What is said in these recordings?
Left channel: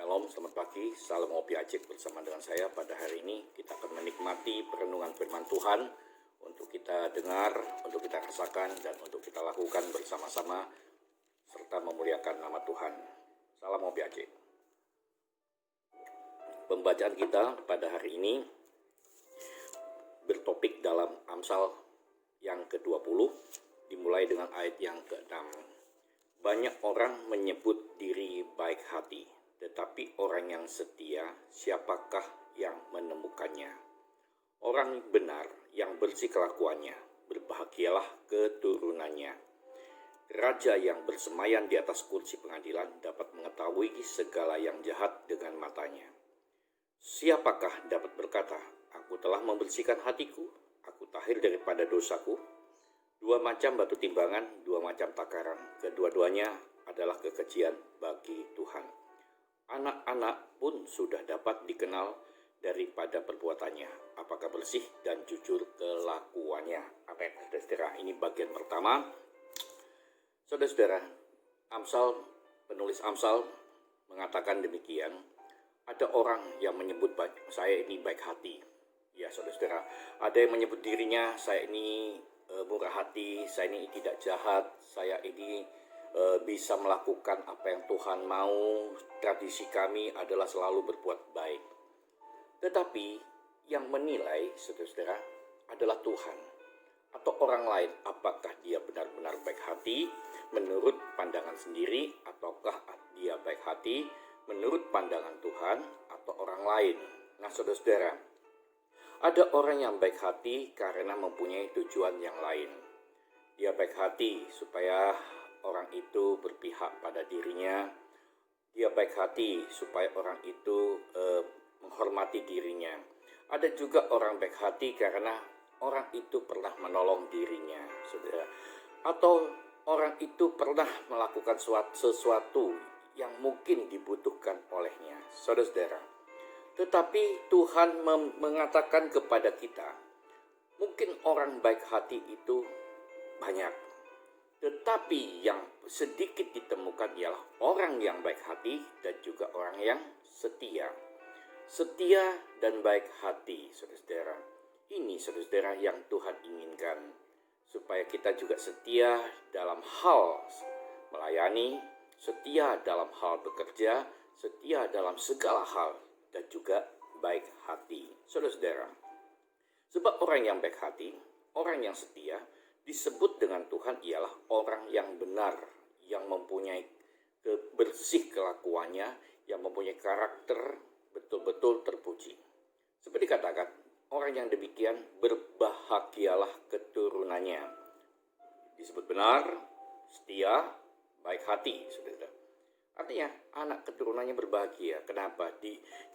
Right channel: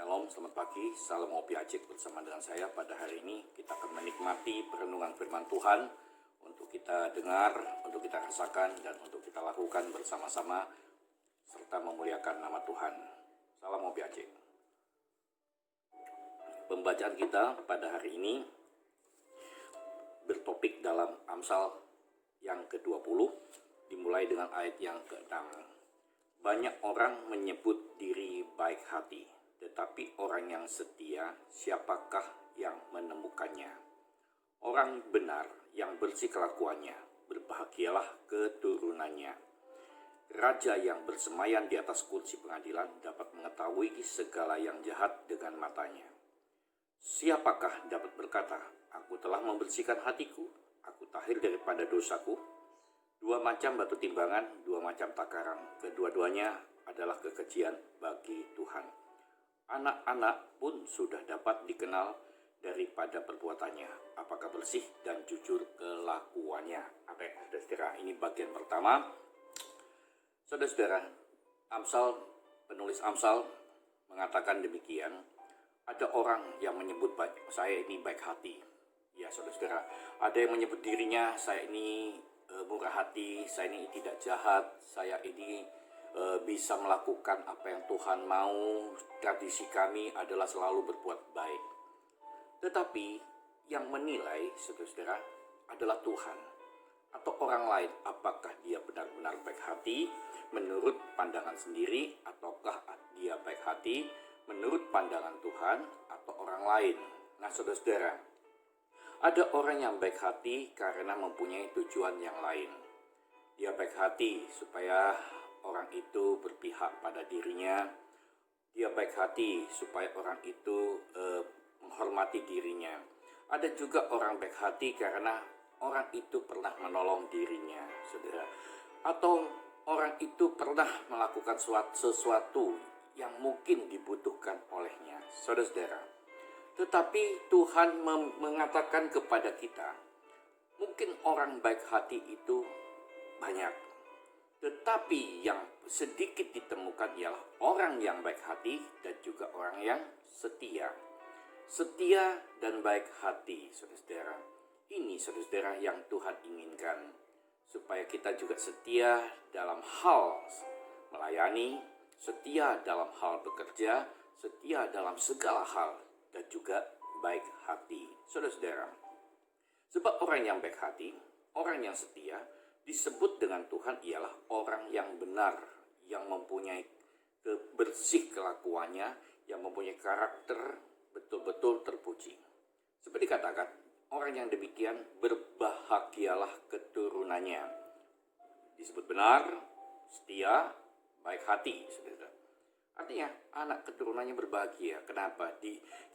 Shalom, selamat pagi, salam Opi Acik bersama dengan saya. Pada hari ini kita akan menikmati perenungan firman Tuhan untuk kita dengar, untuk kita rasakan, dan untuk kita lakukan bersama-sama serta memuliakan nama Tuhan. Salam Opi Acik. Pembacaan kita pada hari ini bertopik dalam Amsal yang ke-20, dimulai dengan ayat yang ke-6. Banyak orang menyebut diri baik hati, tetapi orang yang setia, siapakah yang menemukannya? Orang benar yang bersih kelakuannya, berbahagialah keturunannya. Raja yang bersemayan di atas kursi pengadilan dapat mengetahui segala yang jahat dengan matanya. Siapakah dapat berkata, aku telah membersihkan hatiku, aku tahir daripada dosaku? Dua macam batu timbangan, dua macam takaran, kedua-duanya adalah kekejian bagi Tuhan. Anak-anak pun sudah dapat dikenal daripada perbuatannya, apakah bersih dan jujur kelakuannya. Amin. Saudara, ini bagian pertama. Saudara, penulis Amsal mengatakan demikian. Ada orang yang menyebut saya ini baik hati. Ya saudara, ada yang menyebut dirinya saya ini murah hati, saya ini tidak jahat, saya ini bisa melakukan apa yang Tuhan mau. Tradisi kami adalah selalu berbuat baik. Tetapi yang menilai, saudara, adalah Tuhan atau orang lain. Apakah dia benar-benar baik hati menurut pandangan sendiri, ataukah dia baik hati menurut pandangan Tuhan atau orang lain? Nah, saudara, ada orang yang baik hati karena mempunyai tujuan yang lain. Dia baik hati supaya orang itu berpihak pada dirinya. Dia baik hati supaya orang itu menghormati dirinya. Ada juga orang baik hati karena orang itu pernah menolong dirinya, saudara. Atau orang itu pernah melakukan sesuatu yang mungkin dibutuhkan olehnya, saudara. Tetapi Tuhan mengatakan kepada kita, mungkin orang baik hati itu banyak, tetapi yang sedikit ditemukan ialah orang yang baik hati dan juga orang yang setia. Setia dan baik hati, saudara. Ini, saudara, yang Tuhan inginkan. Supaya kita juga setia dalam hal melayani, setia dalam hal bekerja, setia dalam segala hal, dan juga baik hati, saudara. Sebab orang yang baik hati, orang yang setia, disebut dengan Tuhan ialah orang yang benar, yang mempunyai bersih kelakuannya, yang mempunyai karakter betul-betul terpuji. Seperti dikatakan, orang yang demikian berbahagialah keturunannya. Disebut benar, setia, baik hati, saudara. Artinya anak keturunannya berbahagia. Kenapa?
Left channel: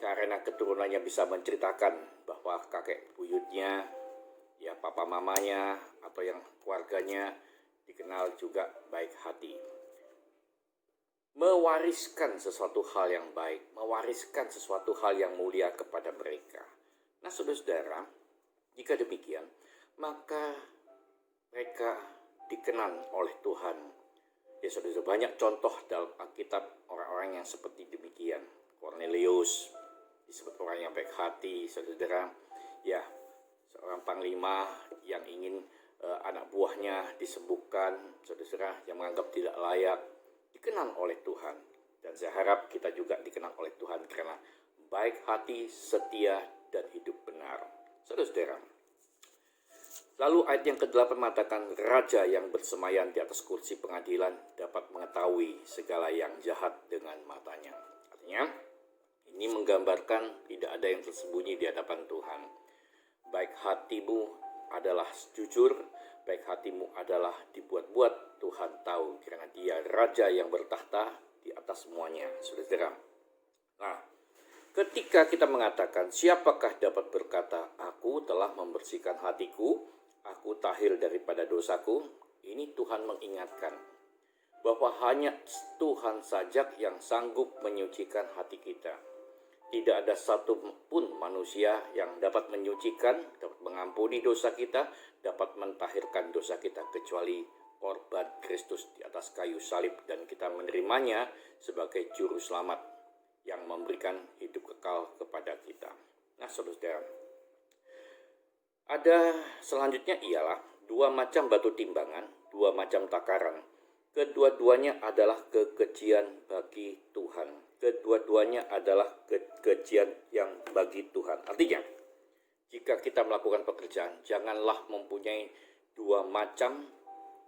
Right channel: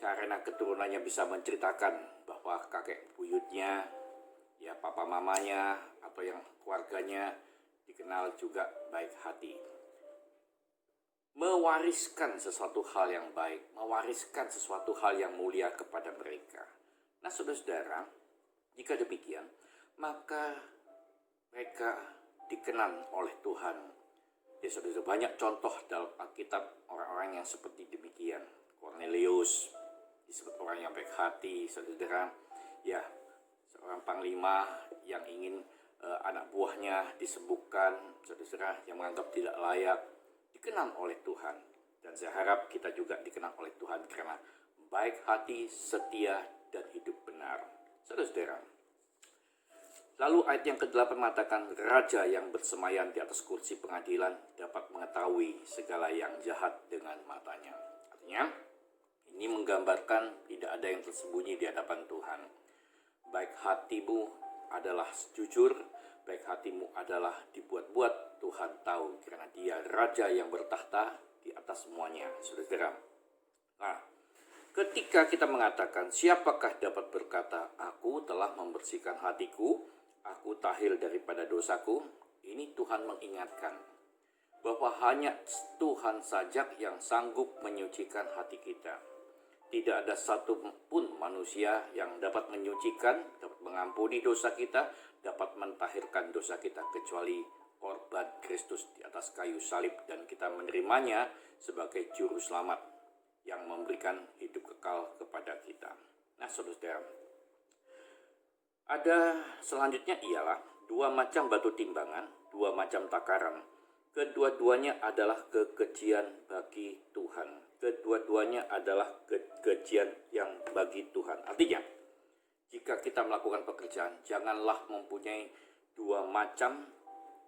Karena keturunannya bisa menceritakan bahwa kakek buyutnya, ya papa mamanya, atau yang keluarganya dikenal juga baik hati. Mewariskan sesuatu hal yang baik, mewariskan sesuatu hal yang mulia kepada mereka. Nah, saudara, jika demikian, maka mereka dikenal oleh Tuhan. Ya, saudara, banyak contoh dalam Alkitab orang-orang yang seperti demikian. Cornelius disebut orang yang baik hati, saudara. Ya, seorang panglima yang ingin anak buahnya disembuhkan, saudara, yang menganggap tidak layak, dikenal oleh Tuhan. Dan saya harap kita juga dikenal oleh Tuhan karena baik hati, setia, dan hidup benar, saudara. Lalu ayat yang ke-8 mengatakan, raja yang bersemayan di atas kursi pengadilan dapat mengetahui segala yang jahat dengan matanya. Artinya, ini menggambarkan tidak ada yang tersembunyi di hadapan Tuhan. Baik hatimu adalah jujur, baik hatimu adalah dibuat-buat, Tuhan tahu karena dia raja yang bertahta di atas semuanya, saudara. Nah, ketika kita mengatakan, siapakah dapat berkata, aku telah membersihkan hatiku, aku tahir daripada dosaku, ini Tuhan mengingatkan bahwa hanya Tuhan saja yang sanggup menyucikan hati kita. Tidak ada satu pun manusia yang dapat menyucikan, dapat mengampuni dosa kita, dapat mentahirkan dosa kita, kecuali korban Kristus di atas kayu salib, dan kita menerimanya sebagai juru selamat yang memberikan hidup kekal kepada kita. Nah, saudara, ada selanjutnya ialah dua macam batu timbangan, dua macam takaran. Kedua-duanya adalah kekejian bagi Tuhan. Kedua-duanya adalah kekejian yang bagi Tuhan. Artinya, jika kita melakukan pekerjaan, janganlah mempunyai dua macam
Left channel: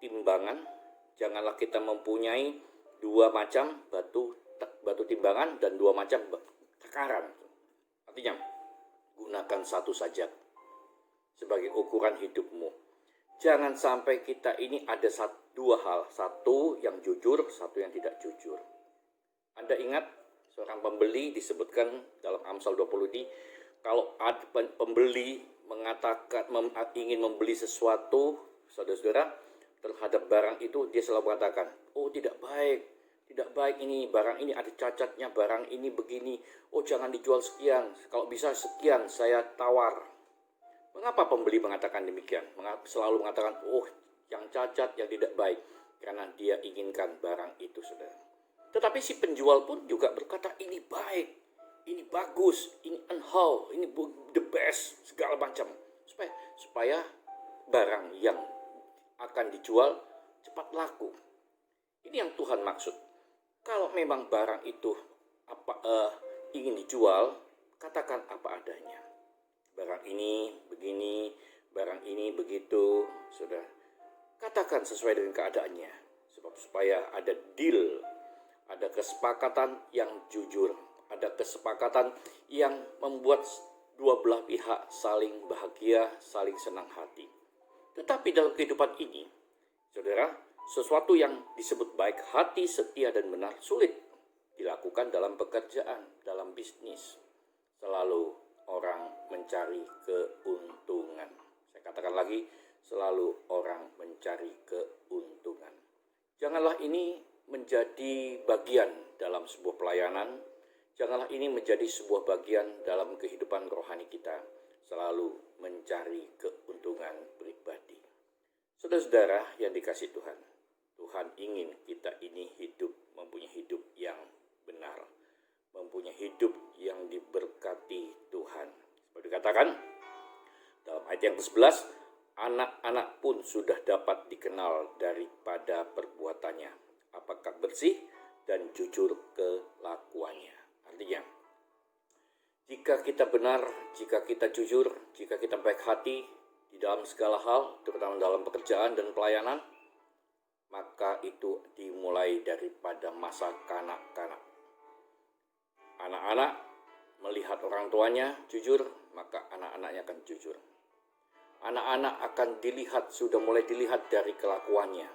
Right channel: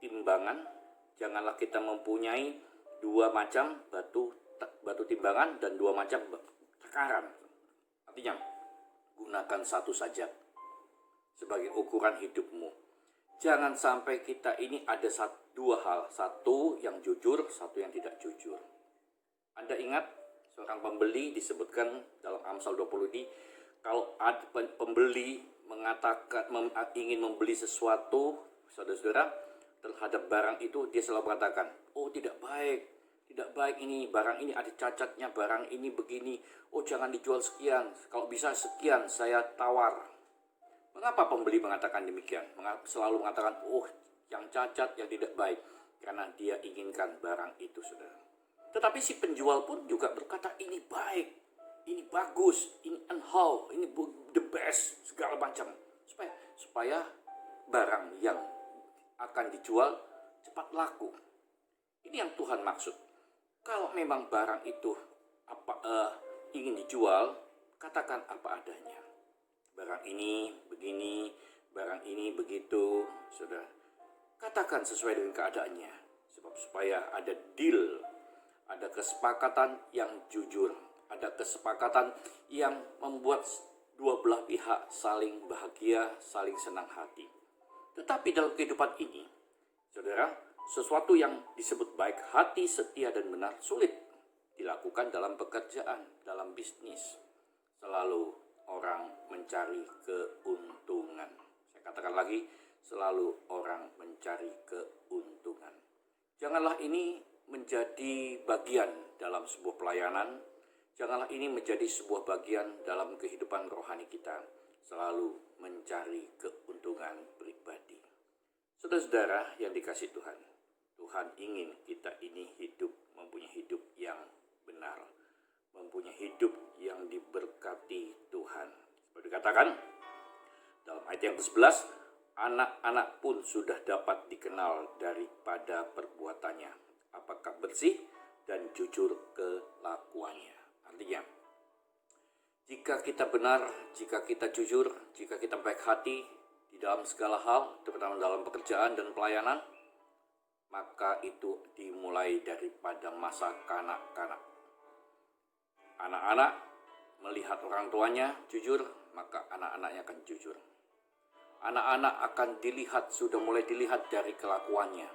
timbangan, janganlah kita mempunyai dua macam batu timbangan dan dua macam takaran. Artinya, gunakan satu saja sebagai ukuran hidupmu. Jangan sampai kita ini ada dua hal, satu yang jujur, satu yang tidak jujur. Anda ingat seorang pembeli disebutkan dalam Amsal 20 ini, kalau ada pembeli mengatakan ingin membeli sesuatu, saudara-saudara, terhadap barang itu, dia selalu mengatakan, oh tidak baik ini, barang ini ada cacatnya, barang ini begini, oh jangan dijual sekian, kalau bisa sekian saya tawar. Mengapa pembeli mengatakan demikian? Selalu mengatakan, oh yang cacat, yang tidak baik. Karena dia inginkan barang itu, saudara. Tetapi si penjual pun juga berkata, ini baik, ini bagus, ini unhaul, ini the best, segala macam. Supaya barang yang akan dijual cepat laku. Ini yang Tuhan maksud. Kalau memang barang itu ingin dijual, katakan apa adanya. Barang ini begini, barang ini begitu, saudara. Katakan sesuai dengan keadaannya, supaya ada deal, ada kesepakatan yang jujur, ada kesepakatan yang membuat dua belah pihak saling bahagia, saling senang hati. Tetapi dalam kehidupan ini, saudara, sesuatu yang disebut baik hati, setia, dan benar sulit dilakukan dalam pekerjaan, dalam bisnis. Selalu orang mencari keuntungan. Saya katakan lagi, selalu orang mencari keuntungan. Janganlah ini menjadi bagian dalam sebuah pelayanan. Janganlah ini menjadi sebuah bagian dalam kehidupan rohani kita. Selalu mencari keuntungan pribadi. Saudara-saudara yang dikasihi Tuhan, Tuhan ingin kita ini mempunyai hidup yang benar, mempunyai hidup yang diberkati Tuhan. Seperti dikatakan dalam ayat yang ke-11, anak-anak pun sudah dapat dikenal daripada perbuatannya, apakah bersih dan jujur kelakuannya. Artinya, jika kita benar, jika kita jujur, jika kita baik hati di dalam segala hal, terutama dalam pekerjaan dan pelayanan, maka itu dimulai daripada masa kanak-kanak. Anak-anak melihat orang tuanya jujur, maka anak-anaknya akan jujur. Anak-anak akan sudah mulai dilihat dari kelakuannya.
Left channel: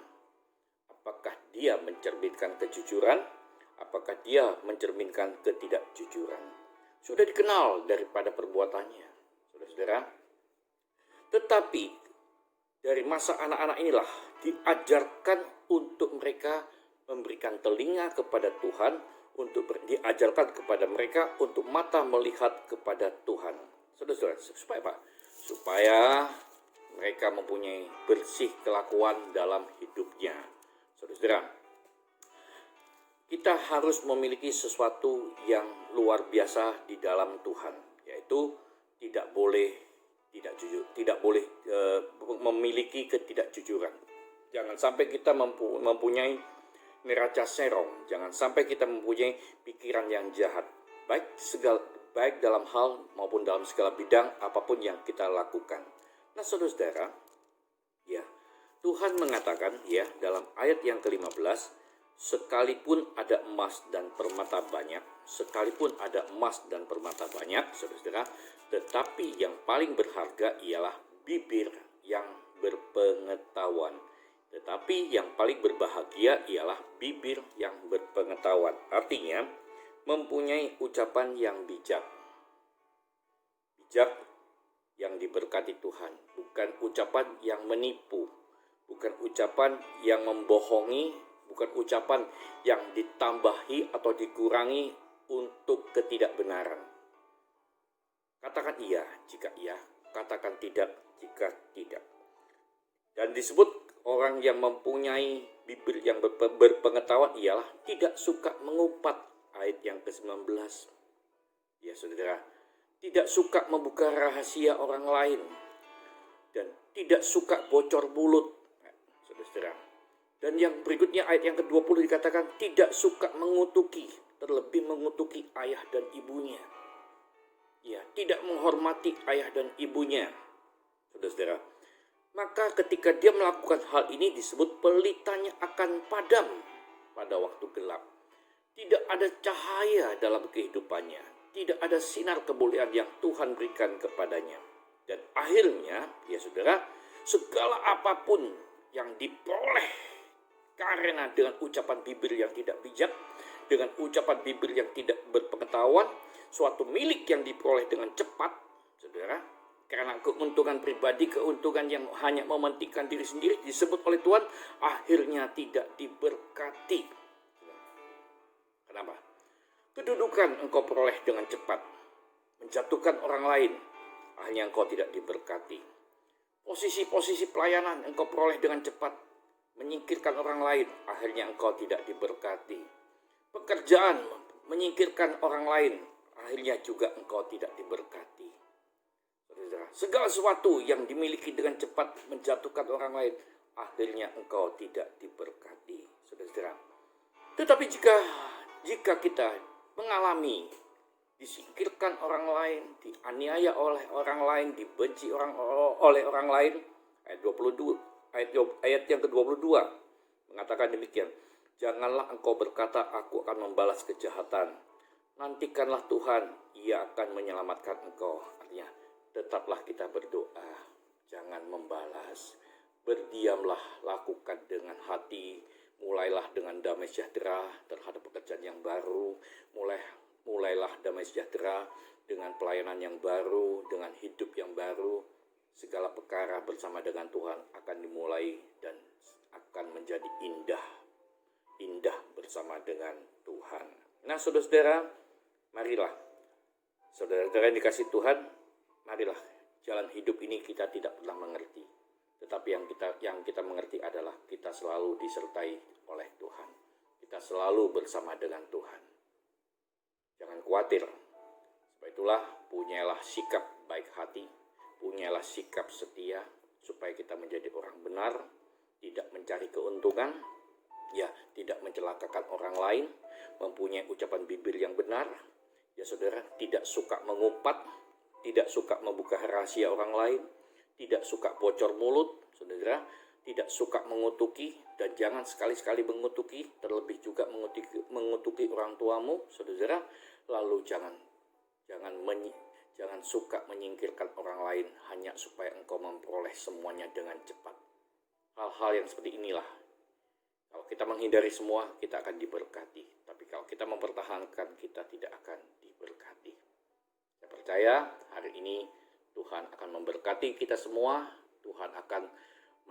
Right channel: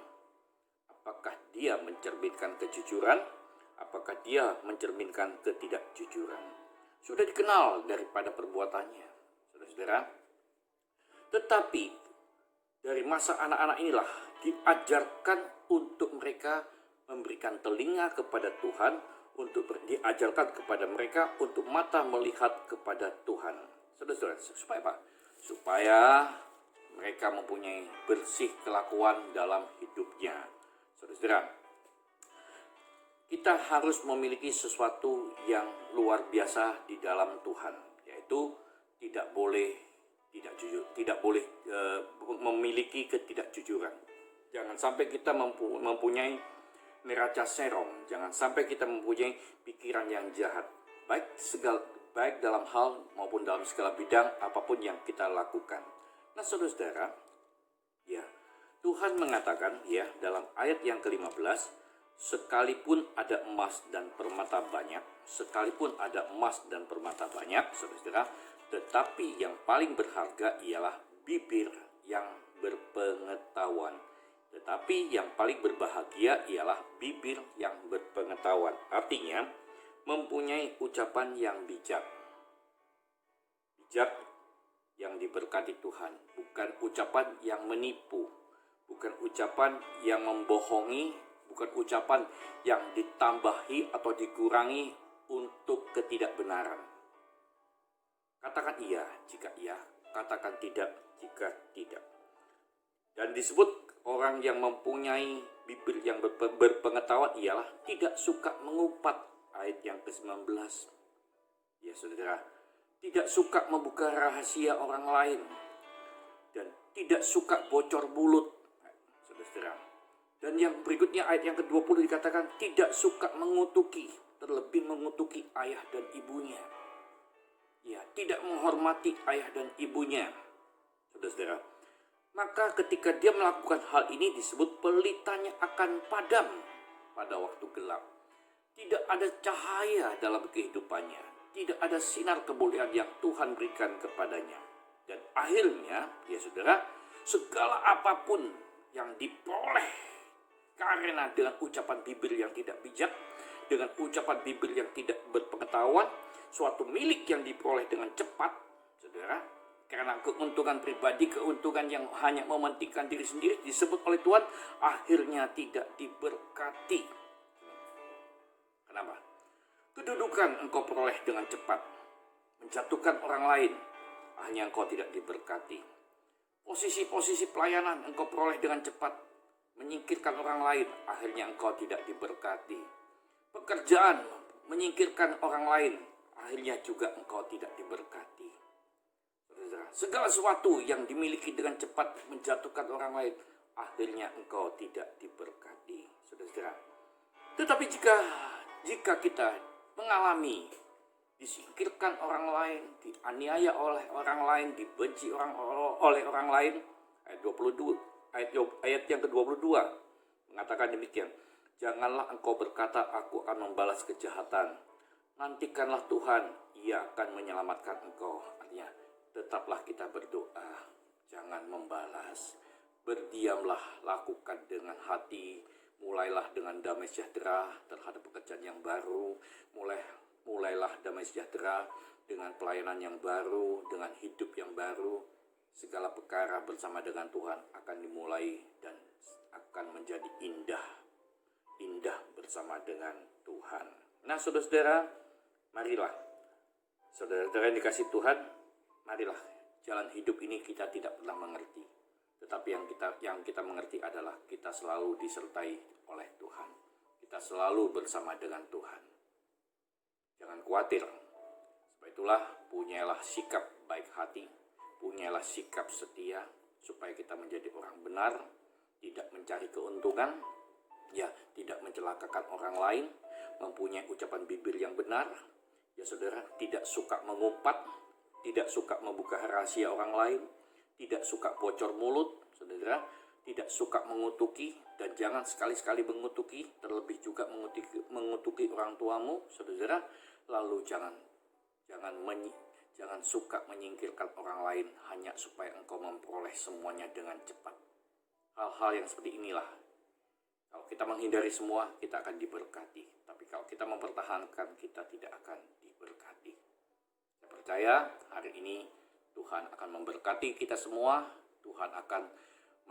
Apakah dia mencerminkan kejujuran? Apakah dia mencerminkan ketidakjujuran? Sudah dikenal daripada perbuatannya, saudara-saudara. Tetapi dari masa anak-anak inilah diajarkan untuk mereka memberikan telinga kepada Tuhan, diajarkan kepada mereka untuk mata melihat kepada Tuhan. Saudara-saudara, supaya apa? Supaya mereka mempunyai bersih kelakuan dalam hidupnya. Saudara-saudara, kita harus memiliki sesuatu yang luar biasa di dalam Tuhan, yaitu tidak boleh memiliki ketidakjujuran. Jangan sampai kita mempunyai neraca serong, jangan sampai kita mempunyai pikiran yang jahat, baik dalam hal maupun dalam segala bidang apapun yang kita lakukan. Nah, saudara-saudara, ya, Tuhan mengatakan ya dalam ayat yang ke-15, sekalipun ada emas dan permata banyak, saudara-saudara, tetapi yang paling berharga ialah bibir yang berpengetahuan. Tetapi yang paling berbahagia ialah bibir yang berpengetahuan. Artinya, mempunyai ucapan yang bijak. Bijak yang diberkati Tuhan. Bukan ucapan yang menipu. Bukan ucapan yang membohongi. Bukan ucapan yang ditambahi atau dikurangi untuk ketidakbenaran. Katakan iya jika iya. Katakan tidak jika tidak. Dan disebut orang yang mempunyai bibir yang berpengetahuan ialah tidak suka mengumpat ayat yang ke-19. Ya saudara, tidak suka membuka rahasia orang lain dan tidak suka bocor mulut. Saudara. Dan yang berikutnya ayat yang ke-20 dikatakan tidak suka mengutuki, terlebih mengutuki ayah dan ibunya. Ya, tidak menghormati ayah dan ibunya. Saudara. Maka ketika dia melakukan hal ini disebut pelitanya akan padam pada waktu gelap. Tidak ada cahaya dalam kehidupannya. Tidak ada sinar kemuliaan yang Tuhan berikan kepadanya. Dan akhirnya, ya saudara, segala apapun yang diperoleh karena dengan ucapan bibir yang tidak bijak, dengan ucapan bibir yang tidak berpengetahuan, suatu milik yang diperoleh dengan cepat, saudara, karena keuntungan pribadi, keuntungan yang hanya mementingkan diri sendiri disebut oleh Tuhan, akhirnya tidak diberkati. Kenapa? Kedudukan engkau peroleh dengan cepat, menjatuhkan orang lain, akhirnya engkau tidak diberkati. Posisi-posisi pelayanan engkau peroleh dengan cepat, menyingkirkan orang lain, akhirnya engkau tidak diberkati. Pekerjaan menyingkirkan orang lain, akhirnya juga engkau tidak diberkati. Segala sesuatu yang dimiliki dengan cepat menjatuhkan orang lain, akhirnya engkau tidak diberkati, saudara. Tetapi jika kita mengalami disingkirkan orang lain, dianiaya oleh orang lain, dibenci oleh orang lain, ayat yang ke-22 mengatakan demikian. Janganlah engkau berkata, aku akan membalas kejahatan. Nantikanlah Tuhan, ia akan menyelamatkan engkau. Artinya, tetaplah kita berdoa, jangan membalas. Berdiamlah, lakukan dengan hati. Mulailah dengan damai sejahtera terhadap pekerjaan yang baru. Mulailah damai sejahtera dengan pelayanan yang baru, dengan hidup yang baru. Segala perkara bersama dengan Tuhan akan dimulai dan akan menjadi indah bersama dengan Tuhan. Nah, saudara-saudara, marilah. Saudara-saudara yang dikasih Tuhan, marilah jalan hidup ini kita tidak pernah mengerti. Tetapi yang kita mengerti adalah kita selalu disertai oleh Tuhan. Kita selalu bersama dengan Tuhan. Jangan khawatir. Sebab itulah punyalah sikap baik hati, punyalah sikap setia, supaya kita menjadi orang benar, tidak mencari keuntungan, ya tidak mencelakakan orang lain, mempunyai ucapan bibir yang benar, ya saudara, tidak suka mengumpat, tidak suka membuka rahasia orang lain, tidak suka bocor mulut, saudara, tidak suka mengutuki, dan jangan sekali-sekali mengutuki, terlebih juga mengutuki orang tuamu, saudara. Lalu jangan suka menyingkirkan orang lain hanya supaya engkau memperoleh semuanya dengan cepat. Hal-hal yang seperti inilah, kalau kita menghindari semua, kita akan diberkati. Tapi kalau kita mempertahankan, kita tidak akan diberkati. Saya percaya hari ini Tuhan akan memberkati kita semua. Tuhan akan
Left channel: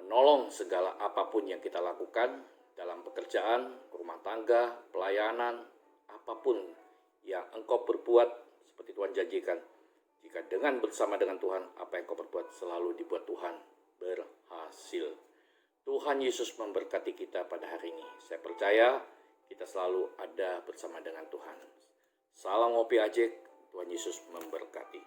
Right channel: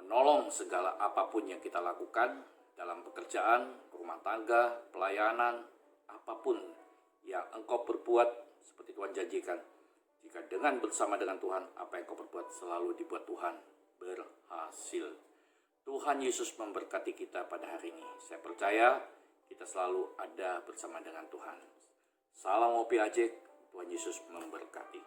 menolong segala apapun yang kita lakukan dalam pekerjaan, rumah tangga, pelayanan, apapun yang engkau berbuat, seperti Tuhan janjikan. Jika dengan bersama dengan Tuhan, apa yang engkau berbuat selalu dibuat Tuhan berhasil. Tuhan Yesus memberkati kita pada hari ini. Saya percaya kita selalu ada bersama dengan Tuhan. Salam ngopi ajek, Tuhan Yesus memberkati.